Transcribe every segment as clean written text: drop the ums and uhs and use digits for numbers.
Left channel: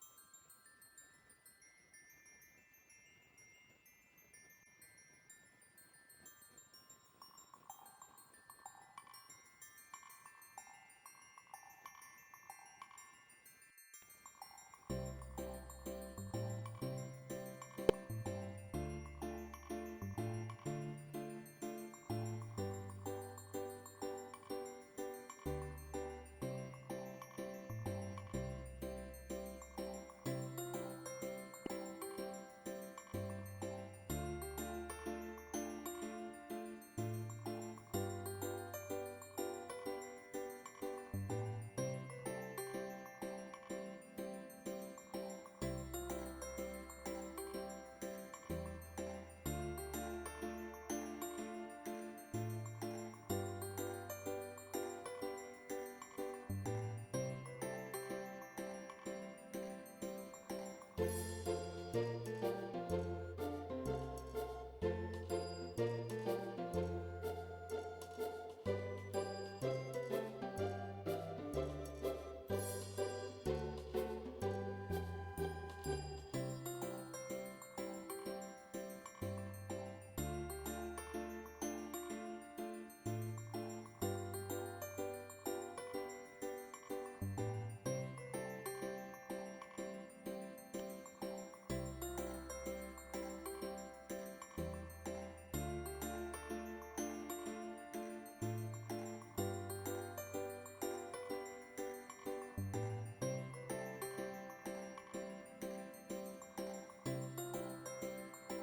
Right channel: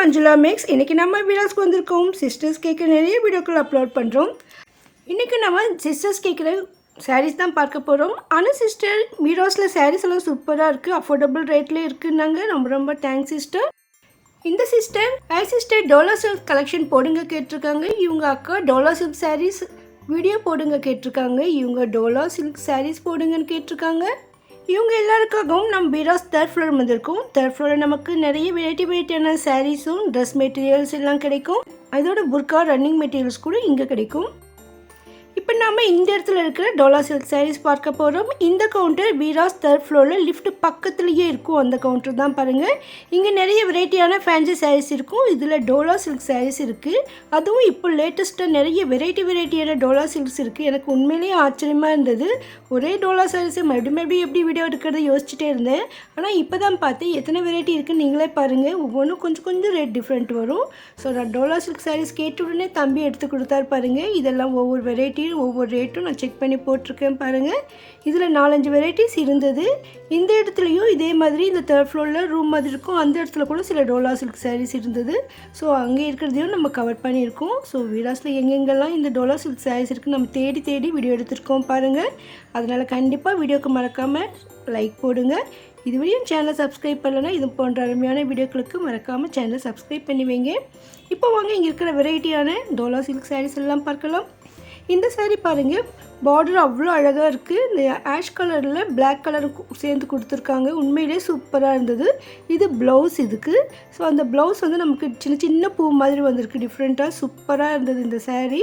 Manjula maths. இன்றைக்கி நம்ம வீடியோஸ்க்கு வந்திருக்கோம். சிஸ்டர்ஸ் கேட்குற நிறைய வீடியோக்கள் அப்லோட் பண்ணுறோம். இன்றைக்கி நம்ம சிஸ்டர்ஸ் கேட்குற சாரீஸ் தான் பார்க்க போகிறோம். ஆனால் சிஸ்டர் வீடியோஸில் சாரீஸ் எல்லாம் சூப்பராக இருக்குது, அஃபோர்டபுள் ரேட்லேயே இருக்குன்னாங்க. ரொம்ப ரொம்ப தேங்க்ஸ் சிஸ்டர். இந்த சிஸ்டர் டோலா சில்க் கலெக்ஷன் போடுங்க கேட்டிருக்காங்க. இவங்க அக்கா டோலா சில்க் சாரீஸ் வீடியோ போடுங்க கேட்டிருக்காங்க. இவங்க டோலா சில்க் சாரீஸ் போடுங்கன்னு கேட்டிருக்காங்க. இவங்க எல்லாருக்காகவும் நம்ம பீராஸ் தேர்ட் ஃப்ளோர் வந்திருக்கோம். தேர்ட் ஃப்ளோரில் நமக்கு நிறைய வெரைட்டியான சாரீஸும் ட்ரெஸ் மெட்டீரியல்ஸ் எல்லாம் கிடைக்கும். அதோட புர்கா ரன்னிங் மெட்டீரியல்ஸ் கூட இங்கே கிடைக்கும். இப்போ நம்ம இந்த இடத்துல இருக்கிற டோலா சில்க் சாரீஸ் பார்க்க போகிறோம். இந்த கவுண்டர் பீராஸ் தேர்ட் ஃப்ளோரில் லிஃப்ட் பக்கத்துலேயே இருக்கும். அந்த கவுண்டர் தான் பாருங்கள். இங்கே நிறைய வெரைட்டியான ஃபேன்சி சாரீஸ் இருக்கும். இதில் டோலா சில்க் சாரீஸ் இருக்குது. அதுவும் இப்போ லேட்டஸ்ட்டாக நிறைய வெரைட்டியான டோலா சில்க்ஸ் இருக்குது. எனக்கு உண்மையிலேயே ஆச்சரியமாக இருந்தது. ஒரே டோலா சாரீஸை மறுபடியும் எப்படி வீடியோ எடுக்கிறத யோசிச்சுட்டே இருந்தேன். ஆனால் இப்போ தான் பார்த்தேன் எத்தனை வெரைட்டி இருக்குன்னு நீங்களே பாருங்கள். ஒவ்வொன்றும் கொஞ்சம் ரேட் டிஃப்ரெண்ட் வரும். ஸோ நான் டோலா சில்க் சாரீஸ் கேட்ட உடனே தம்பி எடுத்து கொடுத்தார் பாருங்கள். இதெல்லாம் ஒவ்வொரு வெரைட்டியும் ஒவ்வொரு ரேட்டும் நான் செக் பண்ணி போட்டிருக்கேன் பாருங்கள். இதில் 4-5 வெரைட்டிஸ் இருந்தது. இந்த இடத்துலையும் இதே மாதிரி இந்த தேர்ட் ஃப்ளோரில் ரூம் மாதிரி இருக்கும். அந்த இடத்துல கூட சில டோலா சில்க் சாரீஸ் இருந்தது. ஸோ அங்கே இருக்கிறதையும் நம்ம கவர் பண்ணியிருக்கோம். ஸோ வீடாஸில் எங்கெங்கெல்லாம் இந்த டோலா சில்க் சாரீஸ் இருக்குது நம்ம தேடி வீடியோ எடுத்துருக்கோம் பாருங்கள். அதனால் கண்டிப்பாக வீடியோக்கு மறக்காமல் லைக் போடுங்க. இதுவரையும் சேனலை சப்ஸ்கிரைப் பண்ணலைன்னா இது போன்ற அருமையான வீடியோக்களுக்கு மறக்காமல் சேனலை சப்ஸ்கிரைப் பண்ணி வைங்க. இப்போ வாங்க இங்கே இருக்கிற வெரைட்டியான டோலா சில்க் சாரீஸ் எல்லாம் பார்க்கலாம். இந்த சாரீ பாருங்கள், பார்டர் அவ்வளோ அழகாக இருக்குது. இந்த ஆஷ் கலரில் பிளாக் கலர் சேர்ந்து கொடுத்துருக்காங்க. உண்மையிலே சூப்பராக இருந்தது. இது ப்ளவுஸ் இதுக்கு. ஸோ அந்த ப்ளவுஸ் வந்து நமக்கு சின்ன பூ மாதிரி வந்திருக்கு. டிஃப்ரெண்ட்டாக சூப்பராக இருந்தது இந்த சாரீ.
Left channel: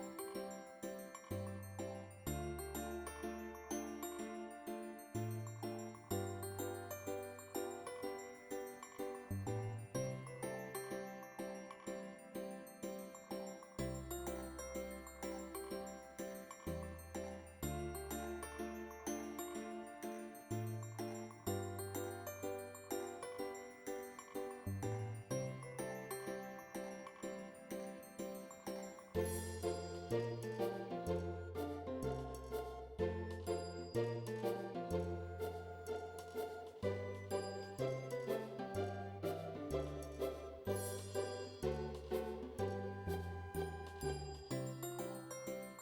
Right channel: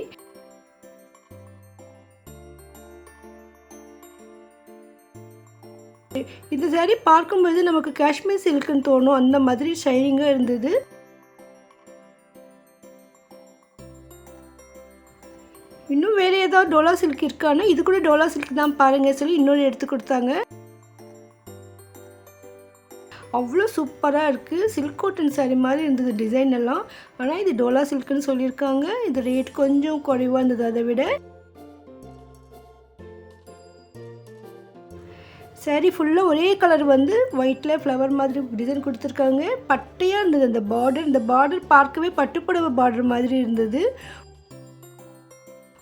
இந்த சாரீ பார்க்கும்போது நமக்கு காஷ்மீர் சில்க்குன்னு தோணும். அந்த மாதிரி ஷைனிங்காக இருந்தது. இன்னும் வேறு ஏதாவது டோலா சில்க் இருக்கானா, இது கூட டோலா சில்க் தான் பாருங்க சொல்லி இன்னொரு எடுத்து கொடுத்தாங்க. அவ்வளோ சூப்பராக இருக்குது. சில்க் காட்டன் சாரீ மாதிரி இருந்தது டிசைன் எல்லாம். ஆனால் இது டோலா சில்க்குன்னு சொல்லியிருக்காங்க. இது ரேட் கொஞ்சம் குறைவாக இருந்தது அதை விட. சாரீ ஃபுல்லாக ஒரே கலர் வந்து ஒயிட்டில் ஃப்ளவர் மாதிரி டிசைன் கொடுத்துருக்காங்க. பட்டையாக இருந்தது அந்த பார்டர். இந்த பார்டர் பார்க்கவே பட்டுப்புடவை பார்டர் மாதிரி இருந்தது.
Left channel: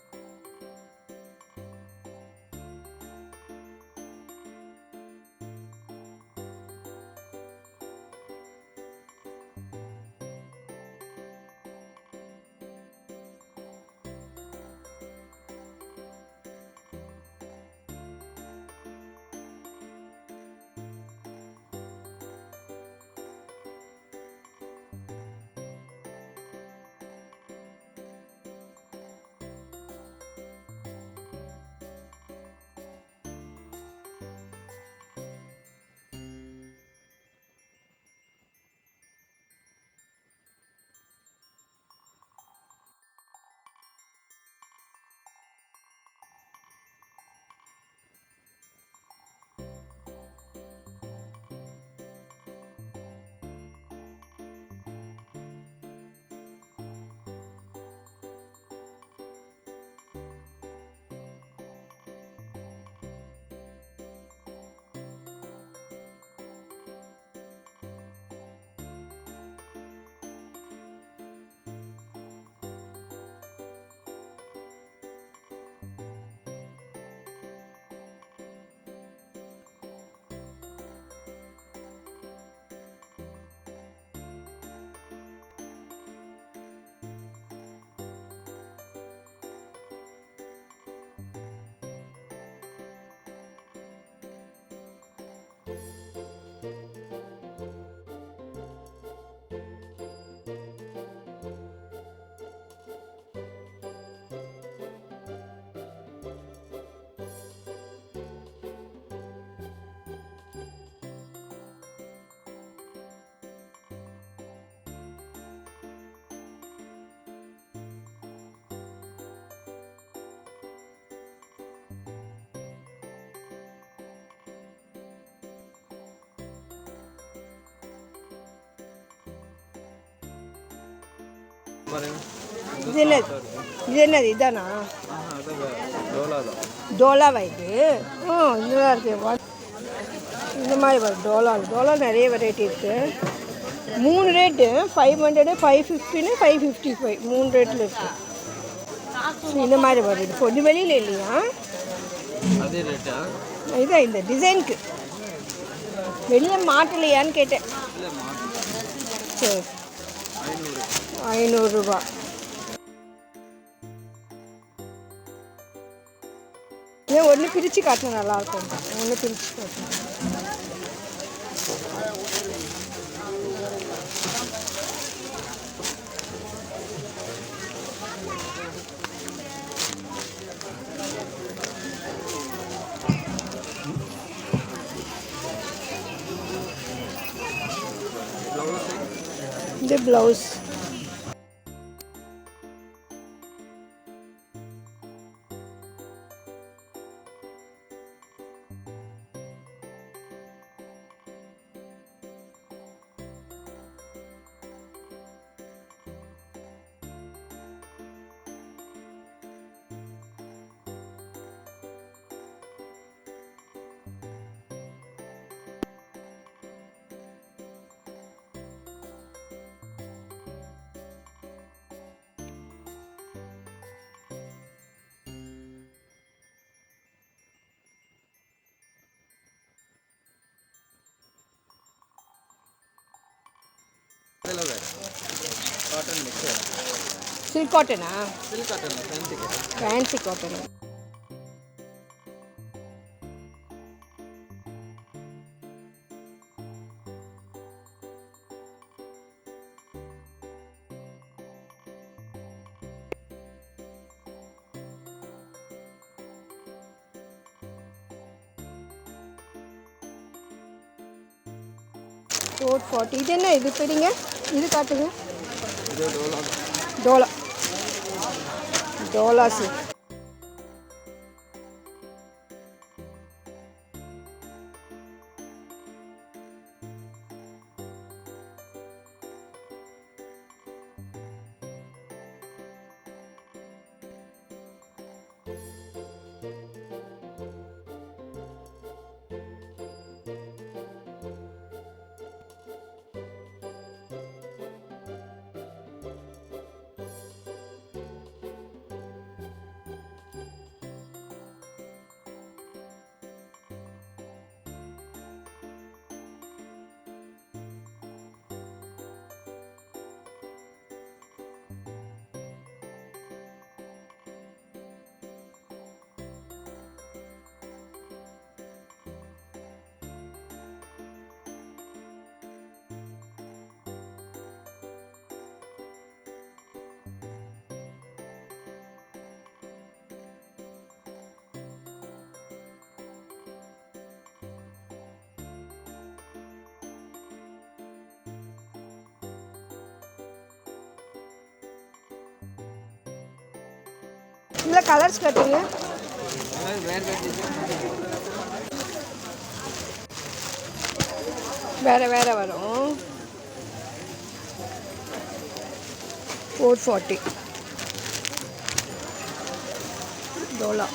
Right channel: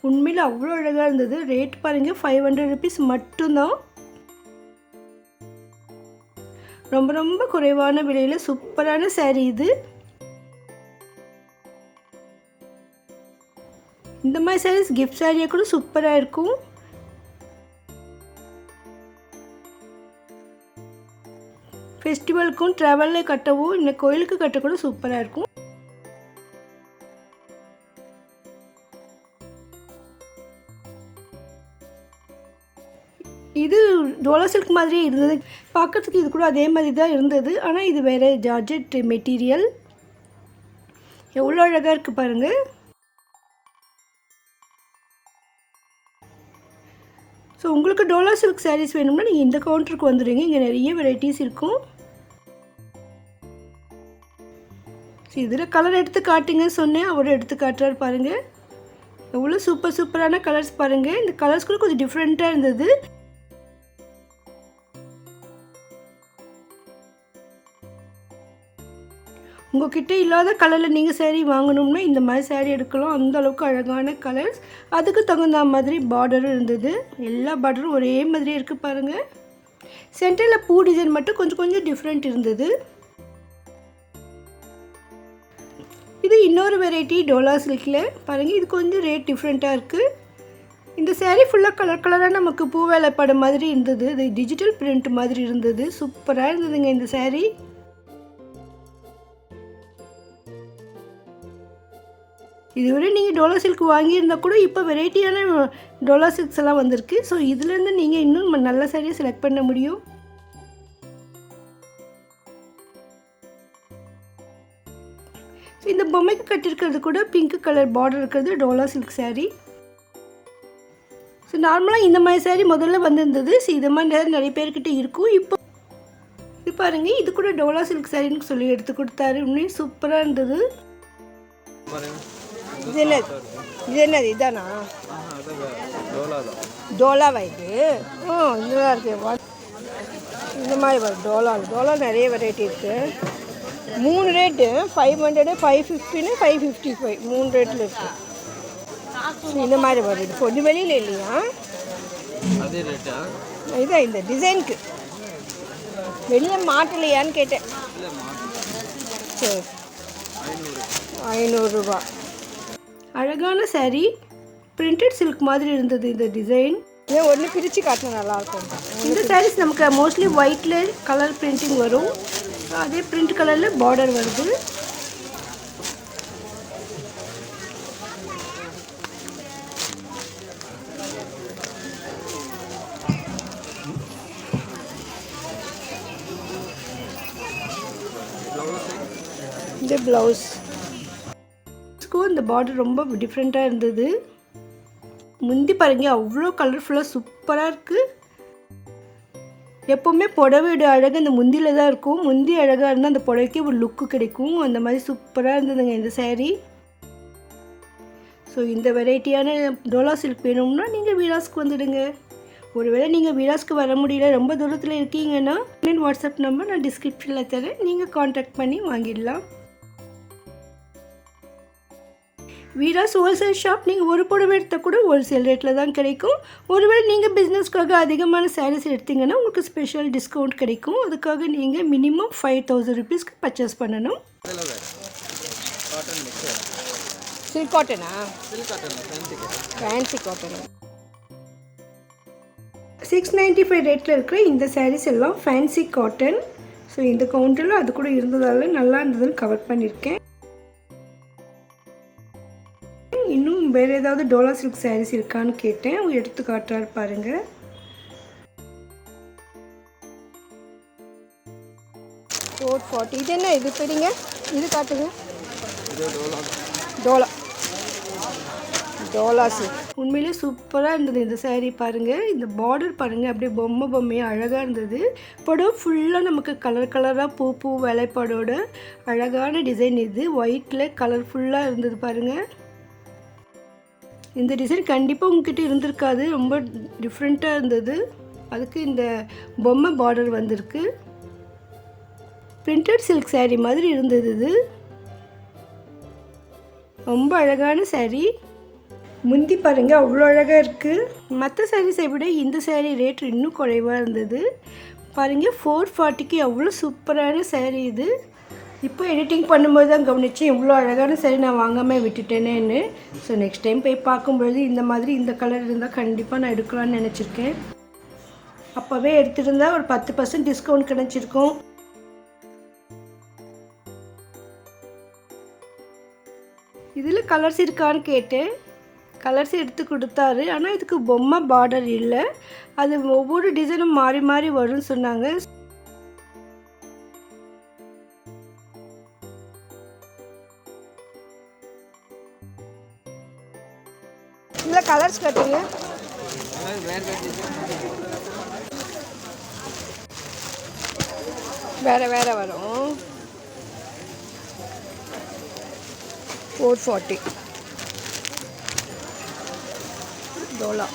உண்மையில் அவ்வளோ அழகாக இருந்தது. ரேட் பாருங்கள், 500 rupees மட்டும்தான். ரொம்ப குறைவான விலையில் சூப்பரான சாரீ இது. இந்த மாதிரி சாரீஸ் கிஃப்ட் சாரியாக கூட சூப்பராக இருக்கும். ஃபெஸ்டிவலுக்கும் ட்ராவலில் கட்டவும் இந்த கோயிலுக்கு கட்ட கூட சூப்பராக இருக்கும். இது டோலா சில்க் மாதிரியே இருந்தது. பார்க்கறதுக்கு இது கூட அதே மாதிரி தான் இருந்தது. ஆனால் இது வேறு ஜார்ஜெட் மெட்டீரியல். எவ்வளோ அழகாக இருக்குது பாருங்கள். ஸோ உங்களுக்கு டோலா சில்க் சாரீஸ் வேணும்னா நீங்கள் இந்த கவுண்டருக்கு வந்துடுங்க. இங்கே நிறைய வெரைட்டிஸ் இருக்கும். இதில் கலர் எடுத்து காட்டுங்க சொன்னேன், அவர் எடுத்து காட்டுறாரு பாருங்கள். எவ்வளோ சூப்பரான கலர்ஸ் பாருங்கள். இந்த கலர்ஸ் கூட கொஞ்சம் டிஃப்ரெண்ட்டாக இருந்தது. உங்கள்கிட்ட இல்லாத கலரில் நீங்கள் சாரீ வாங்கணும்னா இந்த மாதிரி சாரீ எடுக்கலாம். அந்த அளவுக்கு அழகான கலர்ஸ். அதுக்கு தகுந்த மாதிரி பார்டரும் இருந்தது. எல்லா பார்டரும் ஒரே மாதிரியே இருக்குது பாருங்கள். சென்டரில் பூ டிசைன் மட்டும் கொஞ்சம் டிஃப்ரெண்ட் இருந்தது. இது இன்னொரு வெரைட்டி டோலா சில்கில் பாருங்கள். இது கொஞ்சம் ரேட் டிஃப்ரெண்ட்டாக இருக்குது. இந்த சாரீ ஃபுல்லாக கலராக நமக்கு பூ வேலைப்பாடு மாதிரி இருந்தது. இது டிஜிட்டல் பிரிண்ட் மாதிரி இருந்தது. சூப்பராக இருந்ததுங்க இந்த சாரீ. இதுவரை நீங்கள் டோலா சில்க் வாங்கியிருந்தால் கூட இப்போ வெரைட்டியான டோலா சில்க்ஸ் எல்லாம் வந்திருக்கு. ஸோ இதுலேருந்து நீங்கள் இன்னும் நல்ல சாரியை செலக்ட் பண்ண முடியும். இந்த பொம்மைக்கு கட்டியிருக்கிறது கூட பிங்க் கலர் பார்டர் இருக்கிறது டோலா சில்க் சாரீ. ஸோ நார்மலாக இந்த மாதிரி சாரீ முதல்ல வந்திருந்தது. ஸோ இது மாதிரி நிறைய பேர்கிட்ட இருக்கும். இப்போ இது பாருங்கள், இது கூட டோலா சில்க் சாரின்னு சொல்லி எடுத்து கொடுத்தாரு. இன்னும் சூப்பராக இருந்தது. இது என்னது இதானா? டோலாவா இது? இதுதான் இருக்கு. இந்த மாதிரி வரும் டோலா நிறைய வெரைட்டி இருக்குது. 3 ரேட்டு 500, 550, 555 3 ரேட்டில் இருக்குது. இந்த மாதிரி வருது. பொது வெளியில் இல்லையா? அதே ரேட்டா? இதுதான் இந்த டிசைனுக்கு வெளியில் மாட்டலையான்னு கேட்டேன். சரி, 500 ரூபா. அழகான saree, பிரிண்டட் சில்க் மாதிரி இருந்தது இந்த டிசைன். ஏன் ஒன்று பிரித்து காட்டினா நல்லாயிருக்கும். இந்த சாரீஸ் நமக்கு மோஸ்ட்லி ஒயிட்டில் கலர் பிரிண்டிங் வரும், அதே பிரிண்ட் கலரில் பார்டர் வருது. இந்த ப்ளவுஸ் இந்த பார்டர் ரொம்ப டிஃப்ரெண்ட்டாக இருந்தது. முந்தி பாருங்க அவ்வளோ கலர்ஃபுல்லாக சூப்பராக இருக்குது. எப்போவுமே புடவையோட அழகு அந்த முந்தியில் தான் இருக்கும். முந்தி அழகாக இருந்தால் அந்த புடவைக்கு ஒரு லுக்கு கிடைக்கும். அந்த மாதிரி சூப்பராக இருந்ததுங்க இந்த saree. ஸோ இந்த வெரைட்டியான டோலா சில்க் வேணும்னா நீங்கள் வீராஸ்க்கு வந்துடுங்க. ஒருவேளை நீங்கள் வீராஸ்க்கு வர முடியல, ரொம்ப தூரத்தில் இருக்கீங்கன்னா வாட்ஸ்அப் நம்பர் நான் டிஸ்கிரிப்ஷனில் தரேன், நீங்கள் காண்டாக்ட் பண்ணி வாங்கிடலாம். Veeras wholesale shop. நீங்கள் ஒரு புடவை எடுத்தால் கூட ஹோல்சேல் ரேட்டில் தான் கிடைக்கும். ஒருவேளை நீங்கள் பிஸ்னஸ்க்காக அதிகமான சாரீஸ் எடுத்தீங்கன்னா உங்களுக்கு ஸ்பெஷல் டிஸ்கவுண்ட் கிடைக்கும். அதுக்காக நீங்கள் மினிமம் 5000 ருபீஸ்க்கு பர்ச்சேஸ் பண்ணணும். சில்க் காட்டனா? Fancy cotton. 695 ரேட்டில் இருக்கிற இந்த சாரீஸ் எல்லாம் ஃபேன்சி காட்டன். ஸோ இந்த கவுண்டரில் அது கூட இருந்ததால் நல்லா இருந்ததுன்னு கவர் பண்ணியிருக்கேன். இன்னும் வேறு ஏதாவது டோலா சில்க் சாரீஸ் இருக்கான்னு கேட்டேன், அவங்க எடுத்து காட்டுறாரு பாருங்கள். $440. இது என்ன இது தெரியுங்க? இது காட்டுங்க. டோலா டோலா சில்க் உண்மையிலே சூப்பராக இருந்தது இந்த saree. பாருங்கள், இந்த பார்டர் பாருங்கள், அப்படியே பொம்மையாக அழகாக இருந்தது. படம் ஃபுல்லாக நமக்கு கலர் கலராக பூ வேலைப்பாடோட அழகான டிசைன். இது ஒயிட்டில் கலர்ஃபுல்லாக இருந்தது பாருங்கள். இந்த டிசைன் கண்டிப்பாக உங்ககிட்ட இருந்திருக்காது, ரொம்ப டிஃப்ரெண்ட்டாக இருந்தது. அதுக்கு இந்த பொம்மை பார்டர் வந்திருக்கு. பிரிண்டட் சில்க் saree மாதிரி இருந்தது. இது ரொம்ப அழகான saree. முந்தி பாருங்கள் அவ்வளோ அழகாக இருக்குது. மற்ற சாரீஸை விட இந்த saree ரேட் இன்னும் குறைவாக இருந்தது. பாருங்கள் 440க்கு அவ்வளோ சூப்பரான saree இது. இப்போ எடிட்டிங் பண்ணும்போது தான் கவனித்தேன் இவ்வளோ அழகான saree நான் வாங்காமல் விட்டுட்டேனேன்னு. ஸோ நெக்ஸ்ட் டைம் போய் பார்க்கும்பொழுது இந்த மாதிரி இந்த கலர் இருந்தால் கண்டிப்பாக நான் எடுக்கலான்னு நினச்சிருக்கேன். அப்போவே எடுத்துருந்தா ஒரு 10% டிஸ்கவுண்ட் கிடச்சிருக்கும். இதில் கலர்ஸ் இருக்கான்னு கேட்டேன், கலர்ஸ் எடுத்து கொடுத்தாரு. ஆனால் இதுக்கு பொம்மை பார்டர் இல்லை, அது ஒவ்வொரு டிசைனும் மாறி மாறி வரும்னு சொன்னாங்க. இதில் கலர்ஸ் கட்டுங்க. வேறு வேறு வரும். 440 டோலா.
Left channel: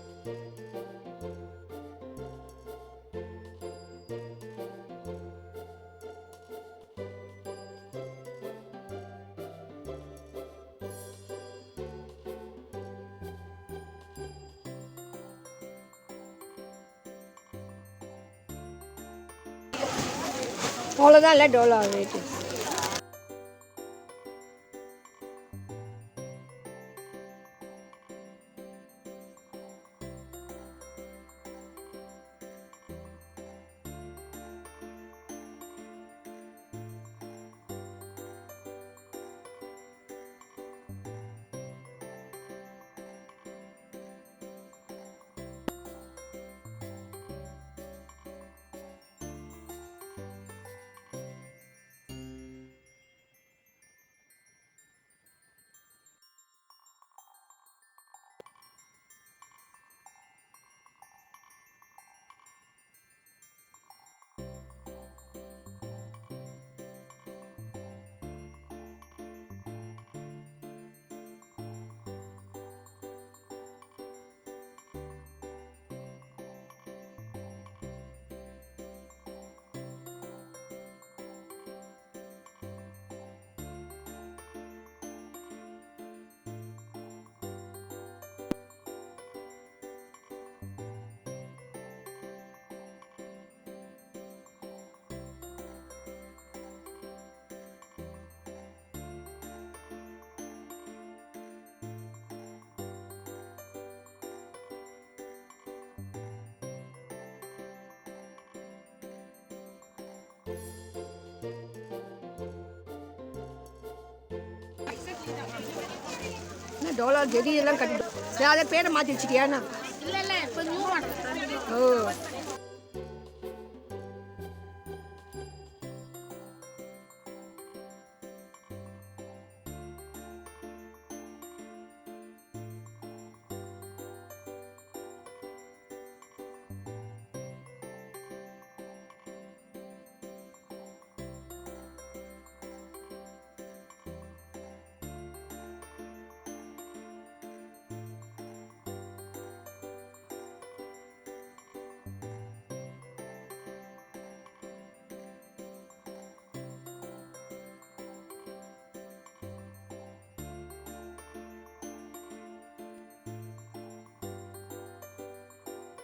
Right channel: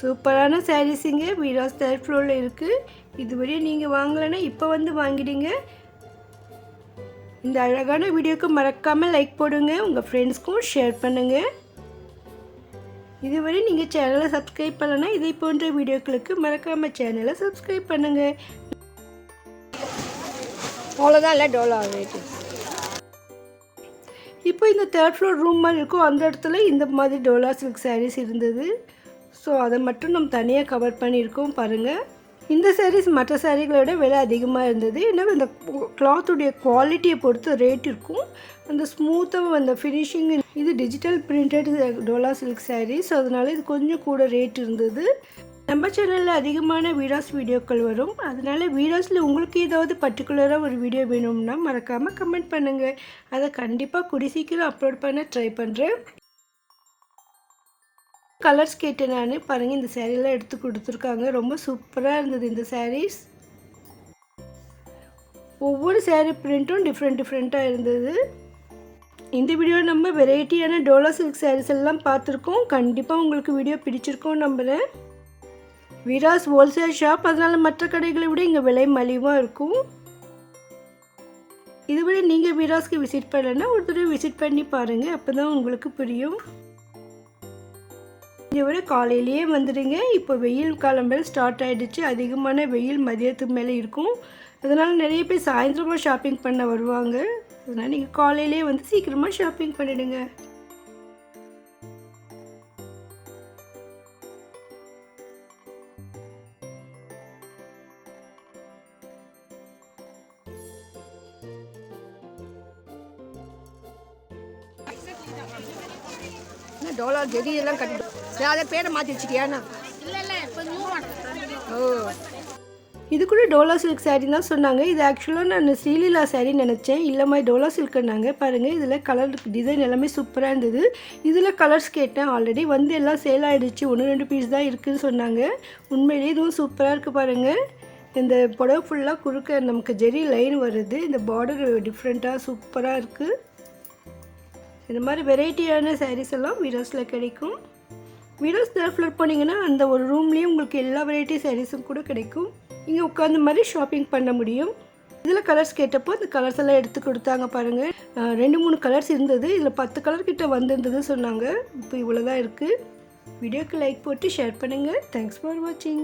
சூப்பரான சாரீஸுங்க வீராஸ் தேர்ட் ஃப்ளோரில் இருக்குது. இதுவரை நீங்கள் வாங்கலைன்னா இப்போ வந்து வாங்கிடுங்க. இந்த அழகான வீடியோக்கு மறக்காமல் லைக் போடுங்க, உங்கள் ஃப்ரெண்ட்ஸ்க்கும் ஷேர் பண்ணுங்கள். இதுவரை நீங்கள் சேனலை சப்ஸ்கிரைப் பண்ணலைன்னா இதை போன்ற வீடியோக்களுக்கு மறக்காமல் சேனலை சப்ஸ்கிரைப் பண்ணுங்கள். அவ்வளோதான் இல்லை டோலா ரேட்டு. இப்போ இந்த தேர்ட் ஃப்ளோர் ரூம் மாதிரி இருக்கும், அந்த இடத்துல இந்த மாதிரி டோலா சில்க் சாரீஸ் இருந்தது. ஸோ அதை மட்டும் நம்ம தனியாக கவர் பண்ணியிருக்கோம் பாருங்கள். இந்த சாரீஸ் மற்ற சாரீகளோட விலை அதிகமாக இருந்தது. ஏன்னா இந்த கிளாத்துடைய குவாலிட்டியை பொறுத்து ரேட் இருக்கும். அந்த ஸ்மூத்தாக அந்த ஃபினிஷிங். இது digital printed dola silk sarees, அதனால இது கொஞ்சம் கூட ரேட் இருந்தது. நம்ம சேனலில் அதிகமான வீராஸ் வீடியோக்கள் வரும், அதனால் வீராஸில் உங்களுக்கு ஏதாவது பர்டிகுலராக ஒரு வீடியோ வேணும்னா மறக்காமல் கமெண்ட் பண்ணுங்கள். அதை கண்டிப்பாக கூடிய சீக்கிரம் அப்லோட் பண்ண ட்ரை பண்ணுறேன். கலர்ஸ் கேட்டேன் நான். பாருங்கள், இந்த சேரீலாம் எடுத்து கொடுத்துருக்காங்க, ரொம்ப சூப்பராக இருந்தது இந்த சாரீஸ். ஒவ்வொரு சேரீ பிரிண்ட்டும் டிஃப்ரெண்ட்டாக இருந்தது. இந்த வீடியோ நம்ம வெரைட்டியான டோலா சில்க் சாரீஸ் எல்லாம் பார்த்துருக்கோம். கண்டிப்பாக உங்களுக்கு வீடியோ பிடிச்சிருக்கோம் நம்புகிறேன். வீராஸ் ஹோல்சேல் ஷாப், அதனால் மற்ற கடைகளை விட இங்கே விலை மலிவாக இருக்கும். இதுவரை நீங்கள் வீராஸ்க்கு விசிட் பண்ணலைன்னா ஒரு தடவை விசிட் பண்ணி பாருங்கள், அப்போ தான் உங்களுக்கு புரியும். இதை விட காலையிலேயே வந்துடுங்க. இப்போ வெயில் காலம் மேலே ஸ்டார்ட் ஆகிடுச்சு. அதிகமான வெயில் மதியத்துக்கு மேலே இருக்கும். அதனால் நிறைய பேர் சாயந்தரமாக ஷாப்பிங் பண்ண வருவாங்க. அதனால் நீங்கள் காலையிலே வந்து சீக்கிரமாக ஷாப்பிங் பண்ணிடுங்க. $1 ஜெடி எல்லாம் கட்டி அதை பேரை மாற்றி வச்சுட்டியாண்ணா? ஓ, இது கூட டோலா சில்க் சாரீ தான் சொன்னாங்க. இது ஆக்சுவலாக நான் ஸ்ரீலீலா சாரீ நினச்சேன். இல்லைம்மா டோலா சில்க்குன்னாங்க. பாருங்கள், இதில் கலர் டிசைன் எல்லாமே சூப்பராக இருந்தது. இதில் கலர்ஸ் கேட்டேன். ஆல்ரெடி வந்து எல்லாம் சேல் ஆகிடுச்சு. 1-2 பீஸ் தான் இருக்குதுன்னு சொன்னாங்க. உண்மையிலேயே இதுவும் சூப்பராக இருக்குது பாருங்கள். இந்த புடவை ஃபுல்லாக குறுக்க நமக்கு ஜெரி லைன் வருது. இந்த பார்டர் டிஃப்ரெண்ட்டாக சூப்பராக இருக்குது. இந்த மாதிரி வெரைட்டியான சாரீஸ் எல்லாம் வீராஸில் கிடைக்கும். வீராஸ் ஃப்ளோர் போனீங்கன்னா அந்த ஒரு ரூம்லேயும் உங்களுக்கு எல்லா வெரைட்டி சாரீஸும் கூட கிடைக்கும். இங்கே உட்காந்த மாதிரி ஷாப்பிங் பண்ண முடியும். இதில் கலர்ஸ் கேட்டப்போ இந்த கலர்ஸ் எல்லாம் எடுத்து கொடுத்தாங்க பாருங்கள். 2-3 கலர்ஸ் இருந்தது. இதில் 10 கலர் கிட்ட வந்திருந்தது சொன்னாங்க. இப்போ இவ்வளோ தான் இருக்குது. வீடியோக்கு லைக் போட்டு ஷேர் பண்ணுங்கள். தேங்க்ஸ் ஃபார் வாட்சிங்.